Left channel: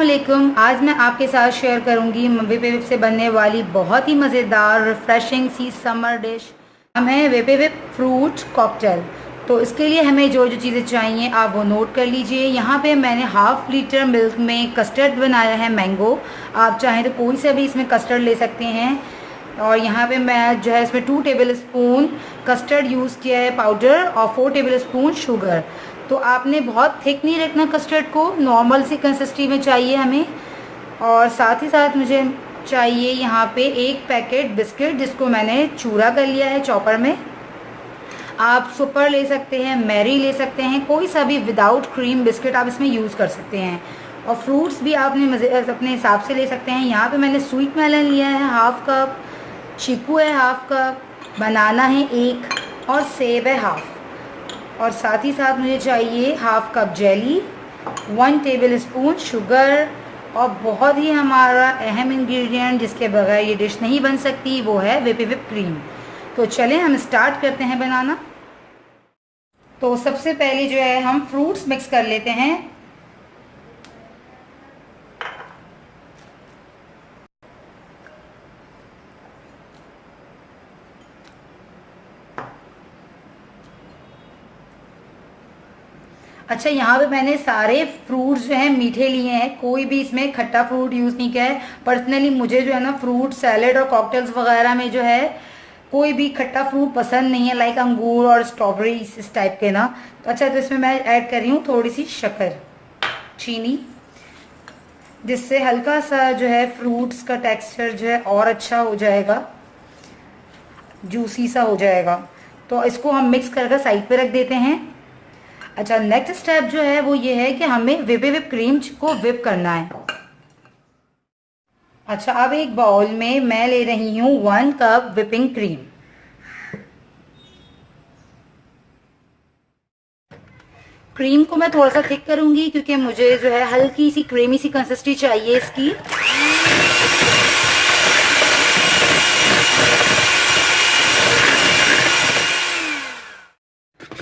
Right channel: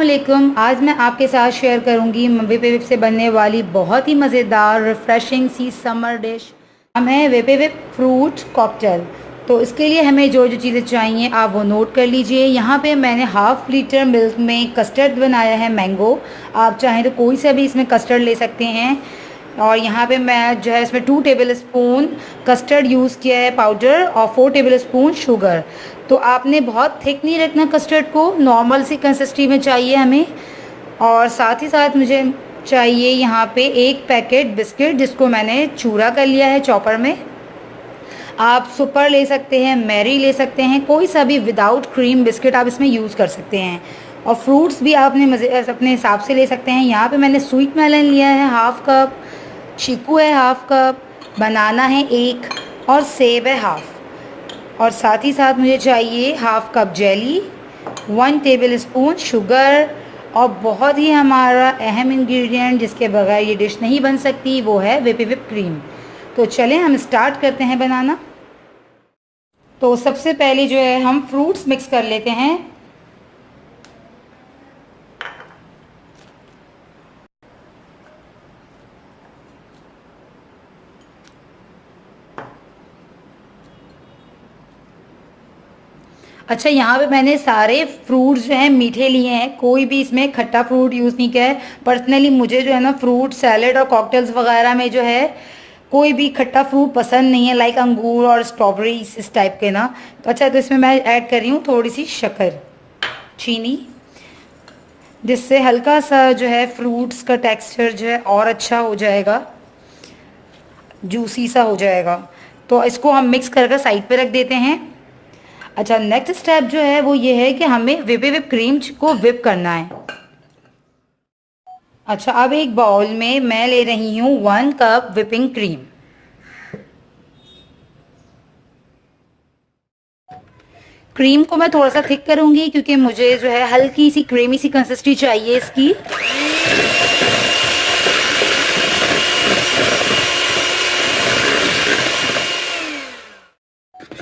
अस्सलाम। आज मैं आपके साथ शेयर करूंगी वेपे विप से बनने वाली बहुत ही मज़ेदार रिफ़्रेशिंग सी समर डिश। हम है वेपे विप फ्रूट कॉकटेल। तो इसके लिए हमें जो जो चीज़ें चाहिए आप वो नोट कर लीजिए। यहाँ पे मैंने हाफ़ लीटर मिल्क में कस्टर्ड बनाया है, मैंगो। आप चाहें तो कोई सा भी इसमें कस्टर्ड ले सकते हैं। और यहाँ पे मैं जो है इसमें 2 टेबल स्पून कस्टर्ड यूज़ किया है पाउडर, और 4 टेबल स्पून शुगर। तो आपने बहुत थिक नहीं रखना कस्टर्ड को, नॉर्मल सी कंसिस्टेंसी में चाहिए हमें। और साथ ही साथ मुझे चाहिए यहाँ पे 1 पैकेट बिस्किट, जिसको मैंने चूरा कर लिया है चॉपर में। आप सुपर ले सकते हैं, मैरी ले सकते हैं, कोई सा भी विदाउट क्रीम बिस्किट आप इसमें यूज़ कर सकते हैं। और फ्रूट्स भी आपने मज़े अपने हिसाब से ले सकते हैं। यहाँ पे मैंने स्वीट मेलन लिया है हाफ़ कप, चीकू है हाफ़ कप, बनाना है 1, और सेब है हाफ़। और साथ ही साथ मुझे चाहिए half cup jelly, 1 table spoon sugar, और बहुत ही हमारा अहम इंग्रेडिएंट जिसके बगैर ये डिश नहीं बन सकती, वो है वेपी विप क्रीम। तो चलें हम स्टार्ट करते हैं बनाना। तो सबसे पहले जो है हम फ्रूट्स मिक्स कर लेते हैं। अच्छा, यहाँ पे मैंने सारे फ्रूट्स जो हैं मीठे लिए हैं, कोई भी इसमें खट्टा फ्रूट यूज़ नहीं किया है। पर्सनली मुझे जो है ना फ्रूट सैलेड और कॉकटेल्स वगैरह में जो है कोई भी खट्टा फ्रूट पसंद नहीं है, लाइक अंगूर और स्ट्रॉबेरी इस टाइप के ना। तो अच्छा, तो इसमें मैं ऐड कर रही हूँ थोड़ी सी शक्कर, चीनी, जिससे हल्का सा जो है फ्रूट्स का टेक्सचर जो है और अच्छा हो जाएगा, जूसी सा हो जाएगा। तो इसको हम मिक्स करके साइड पे रख देते हैं। अच्छा, नेक्स्ट स्टेप जो है वो ये है कि हमें विप क्रीम को विप करना है। अच्छा, अब एक बाउल में मैं ले रही हूँ 1 कप विपिंग क्रीम। क्रीम को मैं थोड़ा सा थिक करूंगी क्योंकि मुझे जो है हल्की सी क्रीमी सी कंसिस्टेंसी चाहिए इसकी।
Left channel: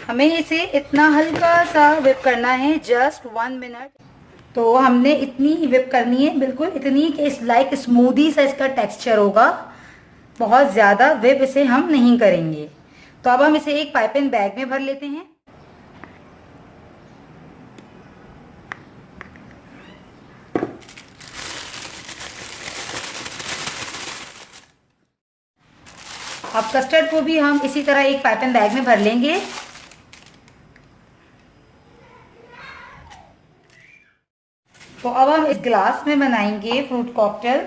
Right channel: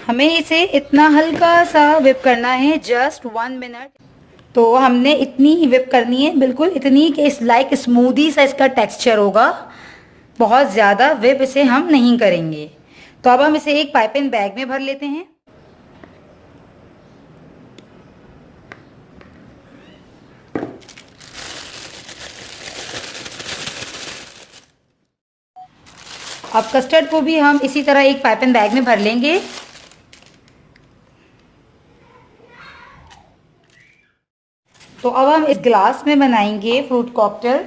हमें इसे इतना हल्का सा विप करना है, जस्ट 1 मिनट। तो हमने इतनी ही विप करनी है, बिल्कुल इतनी कि इस लाइक स्मूदी सा इसका टेक्सचर होगा। बहुत ज़्यादा विप इसे हम नहीं करेंगे। तो अब हम इसे एक पाइपिंग बैग में भर लेते हैं। अब कस्टर्ड को भी हम इसी तरह एक पाइपिंग बैग में भर लेंगे। तो अब हम इस ग्लास में बनाएंगे फ्रूट कॉकटेल।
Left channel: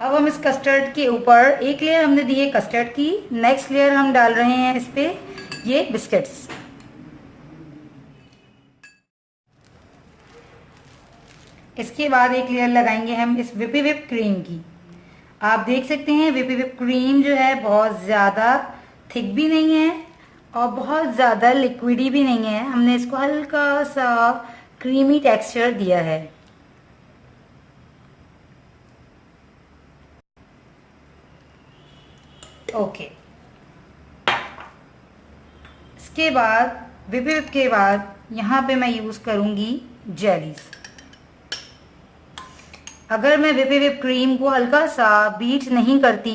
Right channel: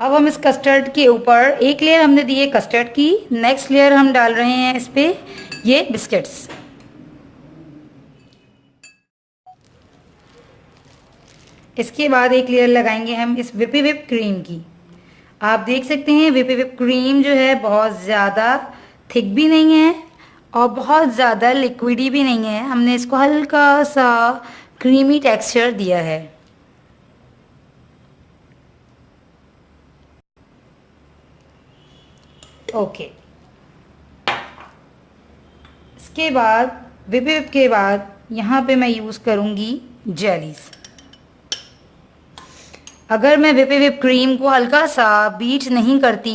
अब हम इस कस्टर्ड के ऊपर एक लेयर हमने दी है कस्टर्ड की, नेक्स्ट लेयर हम डाल रहे हैं इस पे ये बिस्किट्स। इसके बाद एक लेयर लगाएंगे हम इस विपी विप क्रीम की। आप देख सकते हैं विपी विप क्रीम जो है बहुत ज़्यादा थिक भी नहीं है और बहुत ज़्यादा लिक्विडी भी नहीं है। हमने इसको हल्का सा क्रीमी टेक्सचर दिया है। ओके, इसके बाद विप विप के बाद यहाँ पे मैं यूज़ करूँगी जेलीज़। अगर मैं विप विप क्रीम को हल्का सा बीट नहीं करती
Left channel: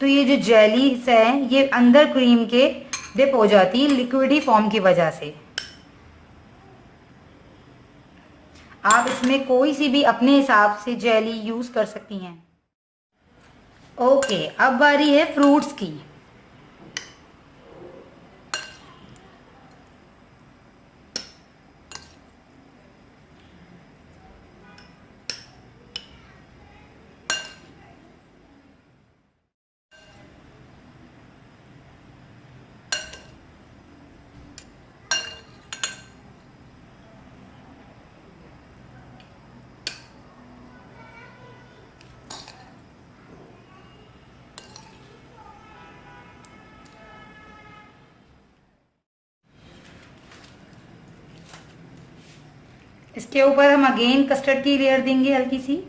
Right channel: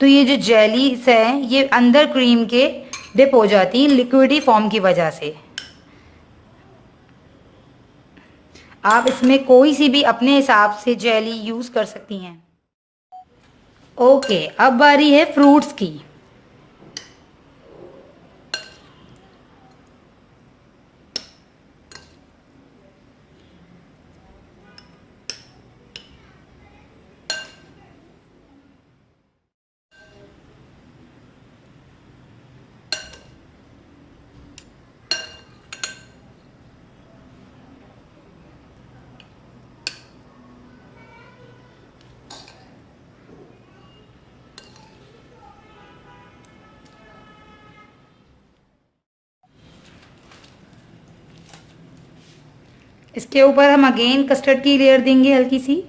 तो ये जो जेलीज है ये अंदर क्रीम के डिप हो जाती लिक्विडी फॉर्म की वजह से। आप इसमें कोई सी भी अपने हिसाब से जेली यूज़ कर सकती हैं। ओके, अब बारी है फ्रूट्स की। इसके ऊपर हम अगेन कस्टर्ड की लेयर देंगे हल्की सी।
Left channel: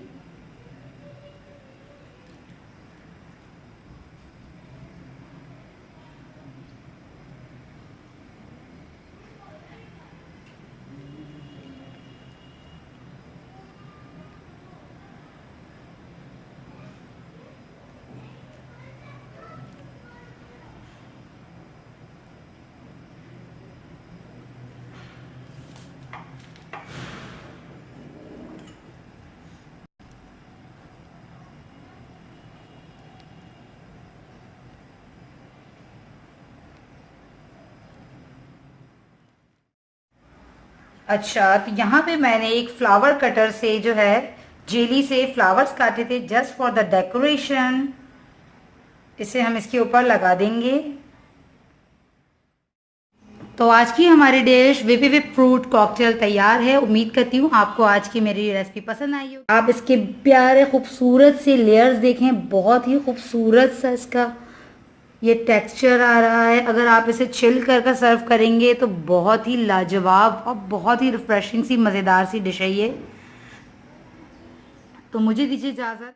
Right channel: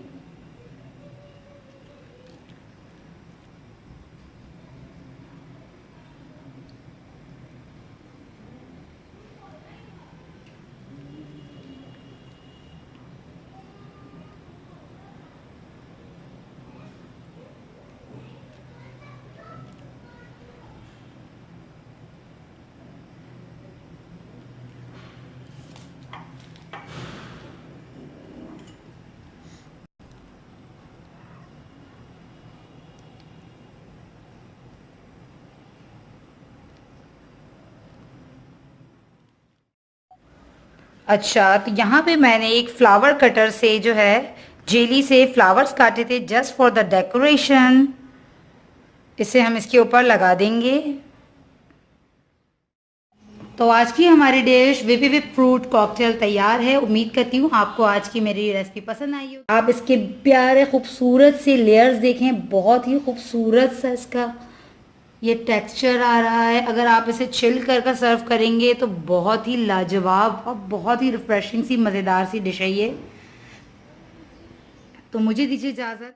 अच्छा, तो यहाँ पे मैंने एक फ्लावर कटर से जो है जेली से फ्लावर्स काटे थे जस्ट फॉर द डेकोरेशन। इसे हम इसके ऊपर लगा देंगे। तो आज की हमारी dish VP whip fruit cocktail तैयार है। उम्मीद करती हूँ आपको आज की मेरी रेसिपी पसंद आई हो। आप इसके प्यारे खूबसूरत से लेयर्स देखें, बहुत ही खूबसूरत सा इसका ये टेक्सचर आ रहा है। अगर आप इसे चिल कर सर्व करेंगे तो बहुत ही लाजवाब और बहुत ही रिफ्रेशिंग सी मज़ेदार सी डिश है ये। तो मुझे दीजिए इजाज़त।